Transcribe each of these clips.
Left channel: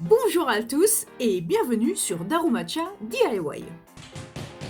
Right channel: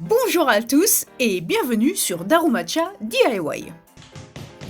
Bonjour à tous et bienvenue sur Darumacha DIY.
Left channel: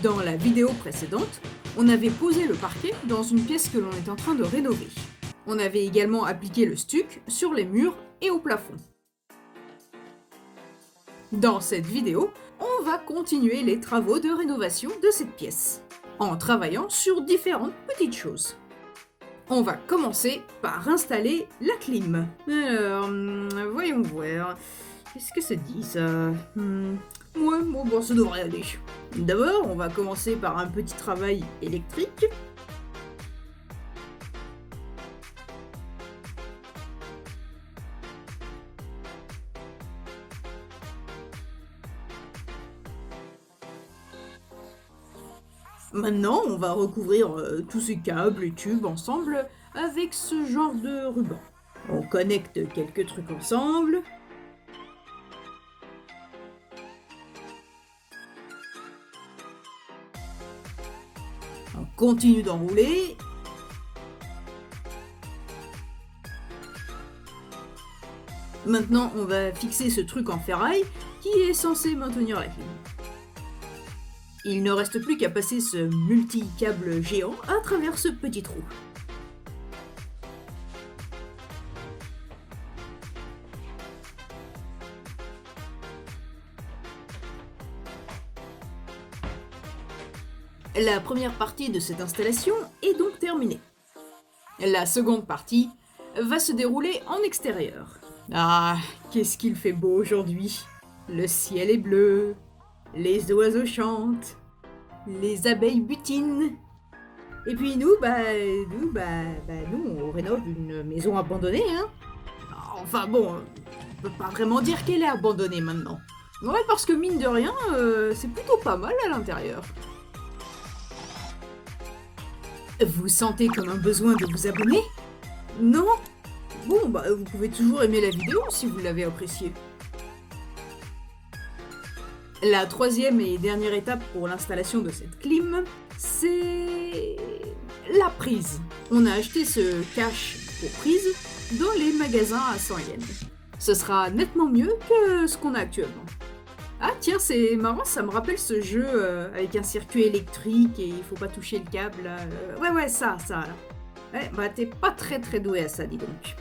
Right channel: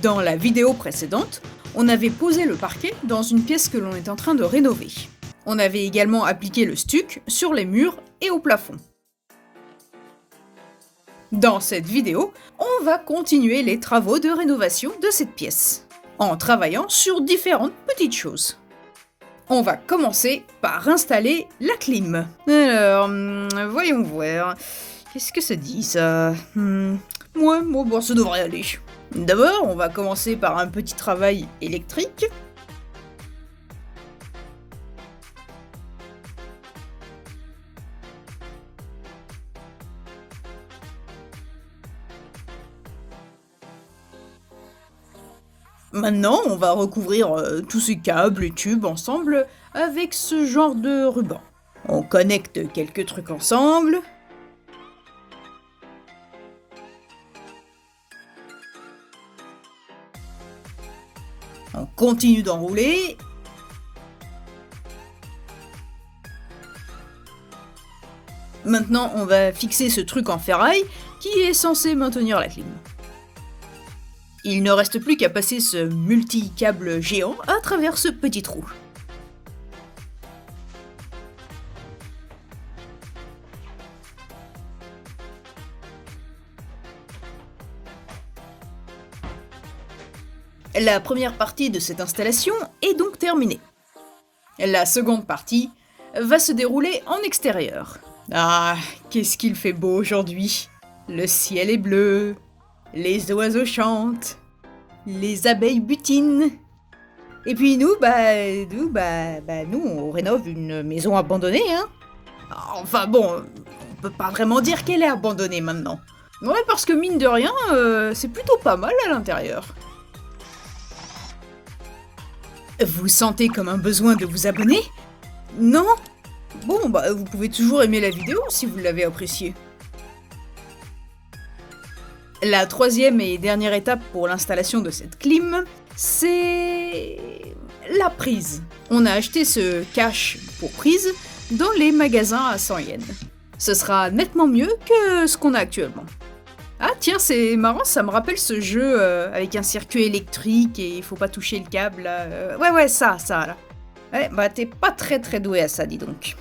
Dans la vidéo précédente, on avait posé le parquet dans une pièce que l'on est en train de rénover. On avait également appliqué le stuc sur les murs et au plafond. Dans cette vidéo, on va continuer les travaux de rénovation de cette pièce, en travaillant sur différentes petites choses. On va commencer par installer la clim. Alors, voyons voir. Qu'est-ce que ça dit ça Ouais, bon, ça devrait aller. D'abord, on va commencer par un petit travail électrique. Maintenant, on va recouvrir tous ces câbles et tubes ensemble avec ce genre de ruban. On connecte quelques trucs ensemble. On continue d'enrouler. Maintenant, on va fixer ce truc en ferraille qui est censé maintenir la clim. Il ne reste plus qu'à passer ce multi-câble géant à travers ce petit trou. La première partie de cette installation est donc terminée. La seconde partie va se dérouler en extérieur. Ah, qu'est-ce qu'il fait beau aujourd'hui! Le ciel est bleu, les oiseaux chantent, les abeilles butinent. Et puis nous, on rénove une maison abandonnée, hein. Enfin bon, on peut pas vraiment dire qu'elle est abandonnée maintenant. Ouais, parce que mine de rien, c'est plutôt pas mal à l'intérieur. Vous sentez comme un besoin de vous abonner? Non? Bon, vous pouvez toujours aimer la vidéo si vous l'avez appréciée. La troisième et dernière étape pour l'installation de cette clim, c'est la prise. On a acheté ce cache pour prise dans les magasins à 100 yens. Ce sera nettement mieux que ce qu'on a actuellement. Ah tiens, c'est marrant, ça me rappelle ce jeu avec un circuit électrique et il faut pas toucher le câble là. Ouais, ça là. Ouais, t'es pas très doué à ça, dis donc.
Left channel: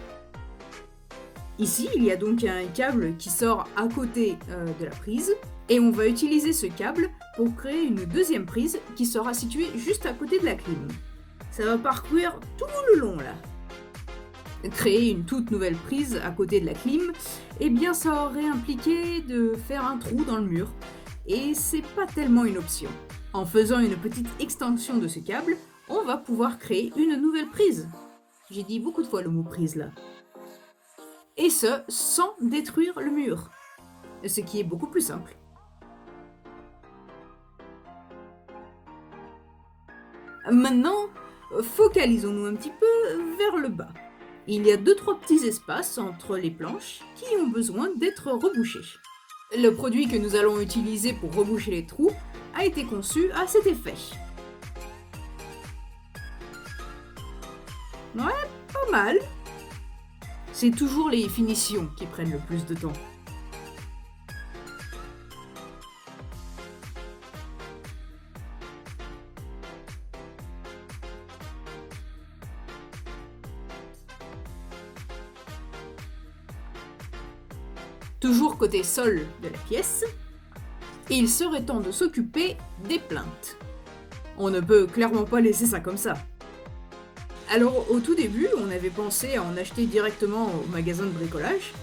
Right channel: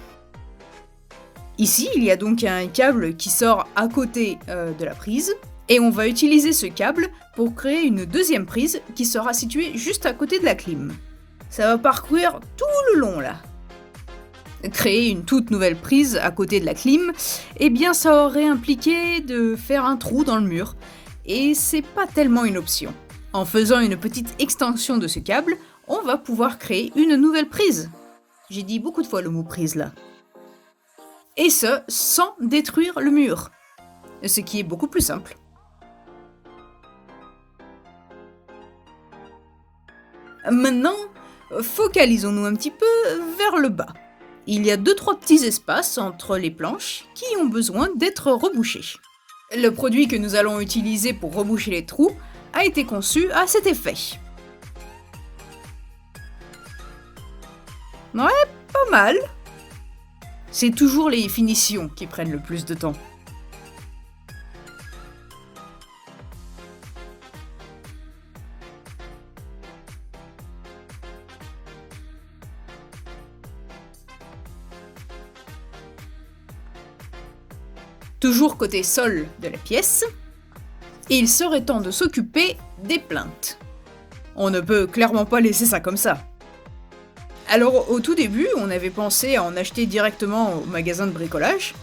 Ici, il y a donc un câble qui sort à côté de la prise. Et on va utiliser ce câble pour créer une deuxième prise qui sera située juste à côté de la clim. Ça va parcourir tout le long là. Créer une toute nouvelle prise à côté de la clim, eh bien ça aurait impliqué de faire un trou dans le mur. Et c'est pas tellement une option. En faisant une petite extension de ce câble, on va pouvoir créer une nouvelle prise. J'ai dit beaucoup de fois le mot prise là. Et ce, sans détruire le mur. Ce qui est beaucoup plus simple. Maintenant, focalisons-nous un petit peu vers le bas. Il y a 2-3 petits espaces entre les planches qui ont besoin d'être rebouchés. Le produit que nous allons utiliser pour reboucher les trous a été conçu à cet effet. Ouais, pas mal. C'est toujours les finitions qui prennent le plus de temps. Toujours côté sol de la pièce, il serait temps de s'occuper des plinthes. On ne peut clairement pas laisser ça comme ça. Alors au tout début, on avait pensé à en acheter directement au magasin de bricolage,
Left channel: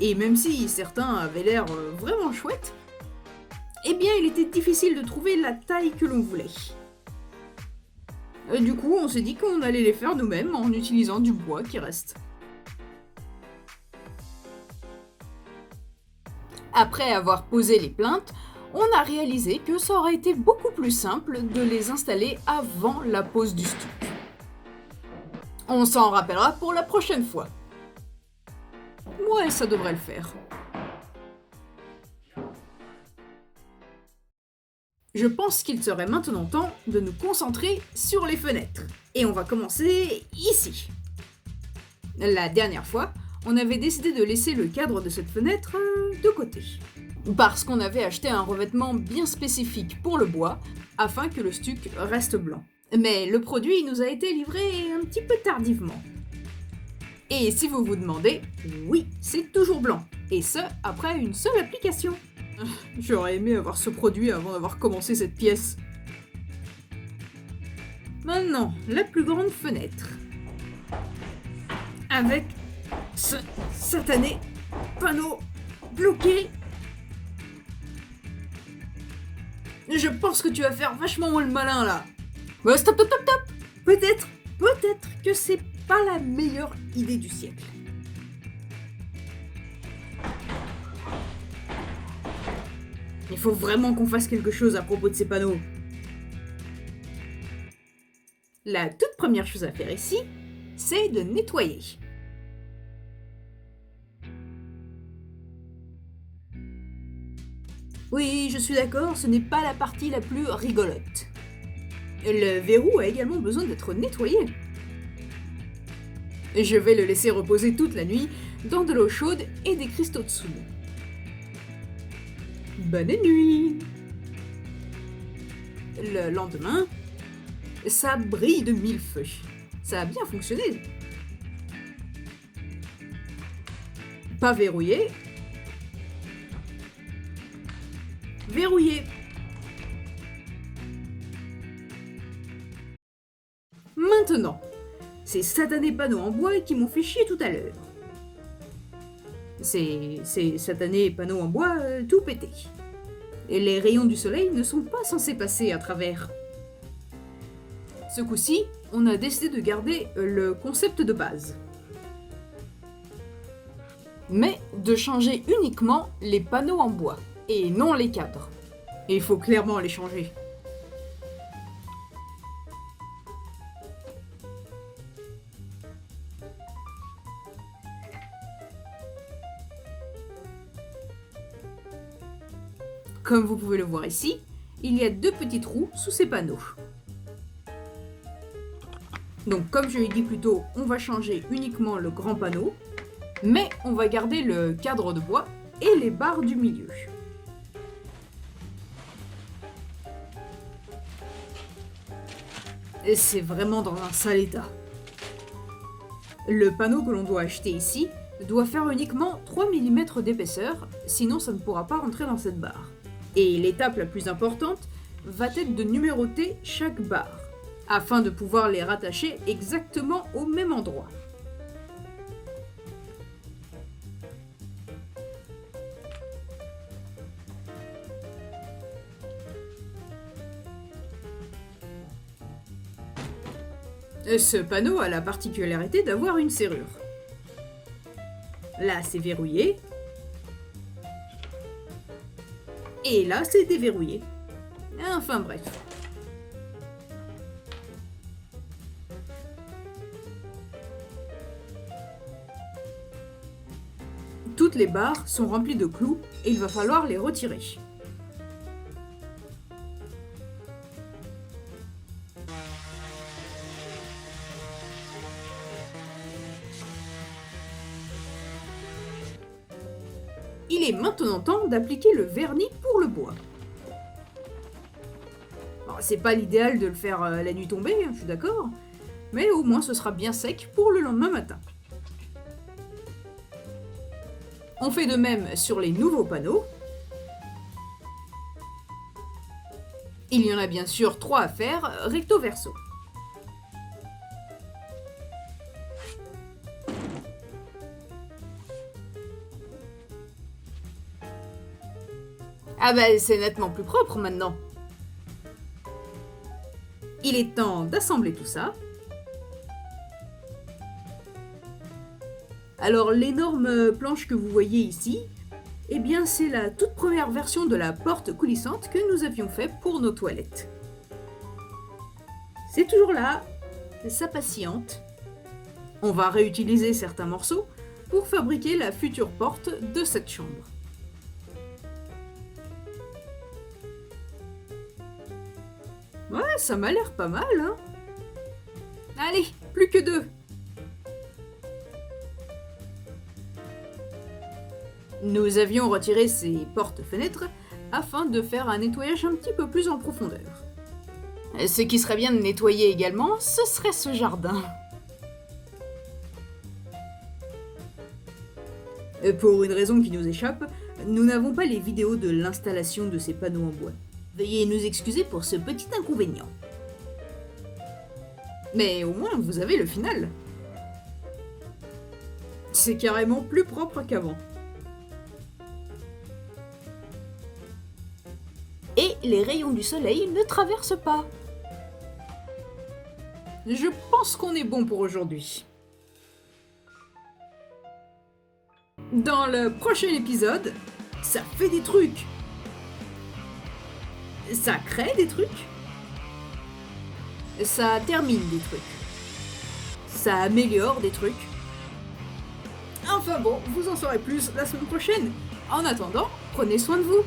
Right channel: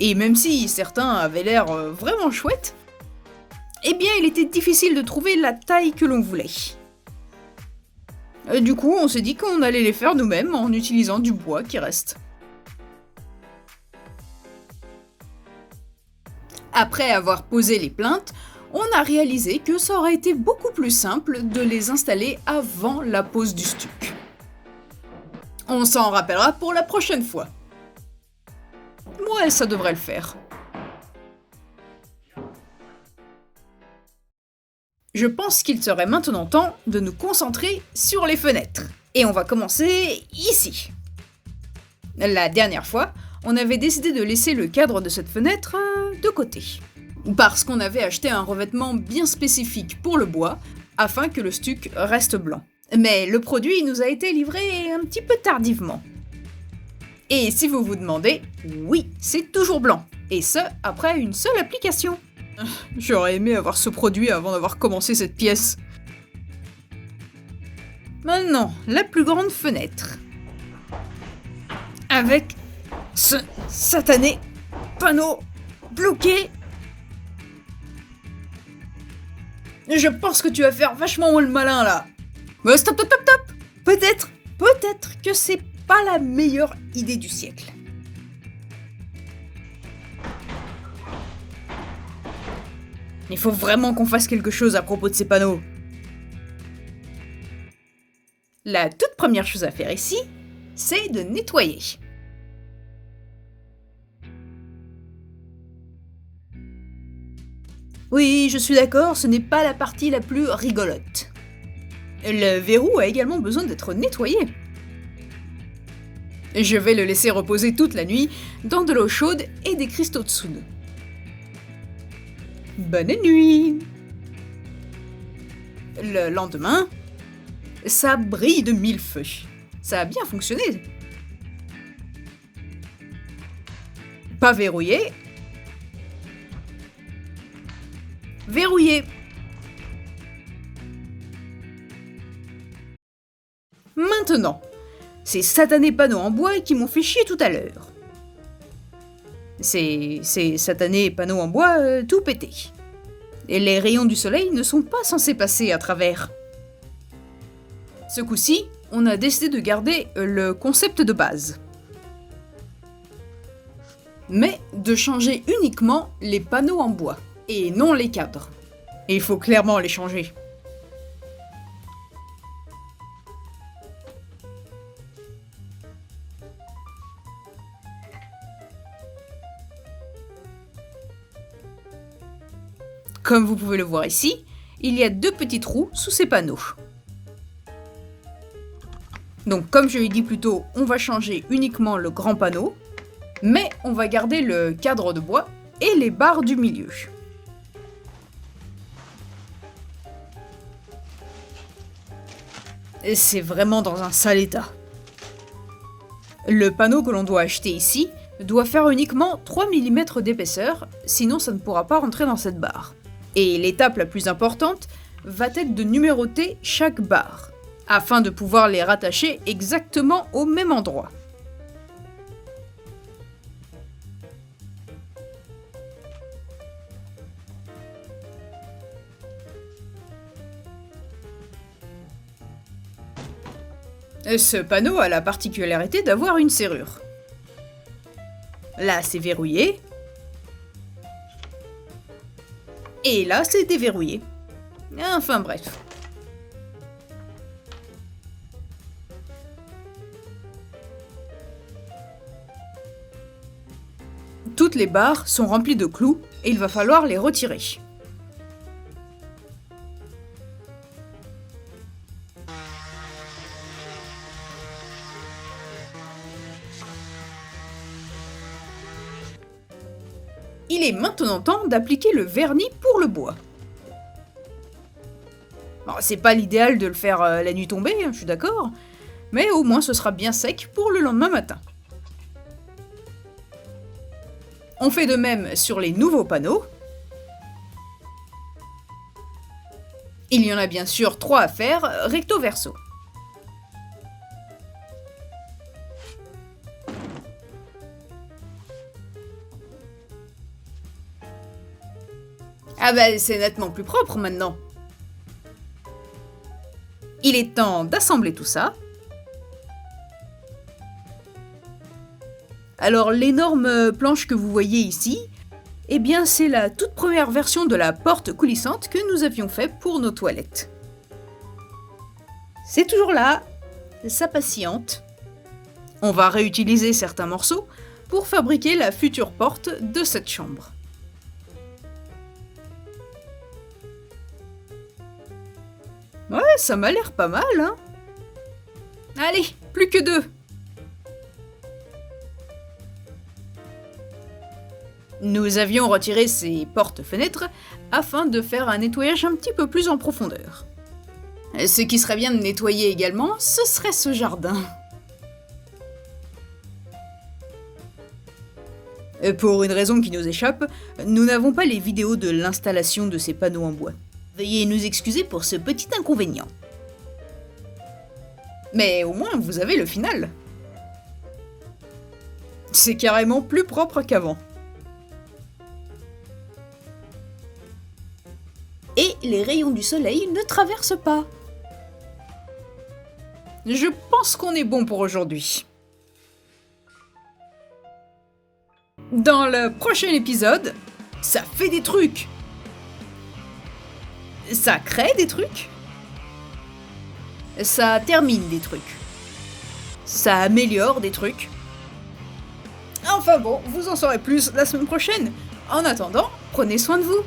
et même si certains avaient l'air vraiment chouettes, eh bien il était difficile de trouver la taille que l'on voulait. Du coup, on s'est dit qu'on allait les faire nous-mêmes en utilisant du bois qui reste. Après avoir posé les plinthes, on a réalisé que ça aurait été beaucoup plus simple de les installer avant la pose du stuc. On s'en rappellera pour la prochaine fois. Ouais, ça devrait le faire. Je pense qu'il serait maintenant temps de nous concentrer sur les fenêtres. Et on va commencer ici. La dernière fois, on avait décidé de laisser le cadre de cette fenêtre de côté. Parce qu'on avait acheté un revêtement bien spécifique pour le bois, afin que le stuc reste blanc. Mais le produit nous a été livré un petit peu tardivement. Et si vous vous demandez, oui, c'est toujours blanc. Et ce, après une seule application. J'aurais aimé avoir ce produit avant d'avoir commencé cette pièce. Maintenant, la plus grande fenêtre. Avec ce satané panneau bloqué. Je pense que tu vas faire vachement le malin là. Ouais, stop. Peut-être que c'est pas la meilleure idée du siècle. Il faut vraiment qu'on fasse quelque chose à propos de ces panneaux. La toute première chose à faire ici, c'est de nettoyer. Oui, je suis d'accord, ce n'est pas la partie la plus rigolote. Le verrou a également besoin d'être nettoyé. Je vais le laisser reposer toute la nuit dans de l'eau chaude et des cristaux de soude. Bonne nuit! Le lendemain, ça brille de mille feux. Ça a bien fonctionné. Pas verrouillé. Verrouillé. Maintenant, ces satanés panneaux en bois qui m'ont fait chier tout à l'heure. Ces satanés panneaux en bois tout pétés. Et les rayons du soleil ne sont pas censés passer à travers. Ce coup-ci, on a décidé de garder le concept de base. Mais de changer uniquement les panneaux en bois, et non les cadres. Et il faut clairement les changer. Comme vous pouvez le voir ici, il y a deux petits trous sous ces panneaux. Donc comme je l'ai dit plus tôt, on va changer uniquement le grand panneau, mais on va garder le cadre de bois et les barres du milieu. Et c'est vraiment dans un sale état. Le panneau que l'on doit acheter ici doit faire uniquement 3 mm d'épaisseur, sinon ça ne pourra pas rentrer dans cette barre. Et l'étape la plus importante va être de numéroter chaque barre, afin de pouvoir les rattacher exactement au même endroit. Ce panneau a la particularité d'avoir une serrure. Là, c'est verrouillé. Et là, c'est déverrouillé. Enfin bref. Toutes les barres sont remplies de clous et il va falloir les retirer. Il est maintenant temps d'appliquer le vernis pour le bois. Bon, c'est pas l'idéal de le faire la nuit tombée, je suis d'accord, mais au moins ce sera bien sec pour le lendemain matin. On fait de même sur les nouveaux panneaux. Il y en a bien sûr 3 à faire, recto verso. Ah bah c'est nettement plus propre maintenant. Il est temps d'assembler tout ça. Alors l'énorme planche que vous voyez ici, eh bien c'est la toute première version de la porte coulissante que nous avions fait pour nos toilettes. C'est toujours là, ça patiente. On va réutiliser certains morceaux pour fabriquer la future porte de cette chambre. Ouais, ça m'a l'air pas mal, hein. Allez, plus que 2. Nous avions retiré ces portes-fenêtres afin de faire un nettoyage un petit peu plus en profondeur. Ce qui serait bien de nettoyer également, ce serait ce jardin. Pour une raison qui nous échappe, nous n'avons pas les vidéos de l'installation de ces panneaux en bois. Veuillez nous excuser pour ce petit inconvénient. Mais au moins, vous avez le final. C'est carrément plus propre qu'avant. Et les rayons du soleil ne traversent pas. Je pense qu'on est bon pour aujourd'hui. Dans le prochain épisode, ça fait des trucs. Ça crée des trucs. Ça termine des trucs. Ça améliore des trucs. Enfin bon, vous en saurez plus la semaine prochaine. En attendant, prenez soin de vous.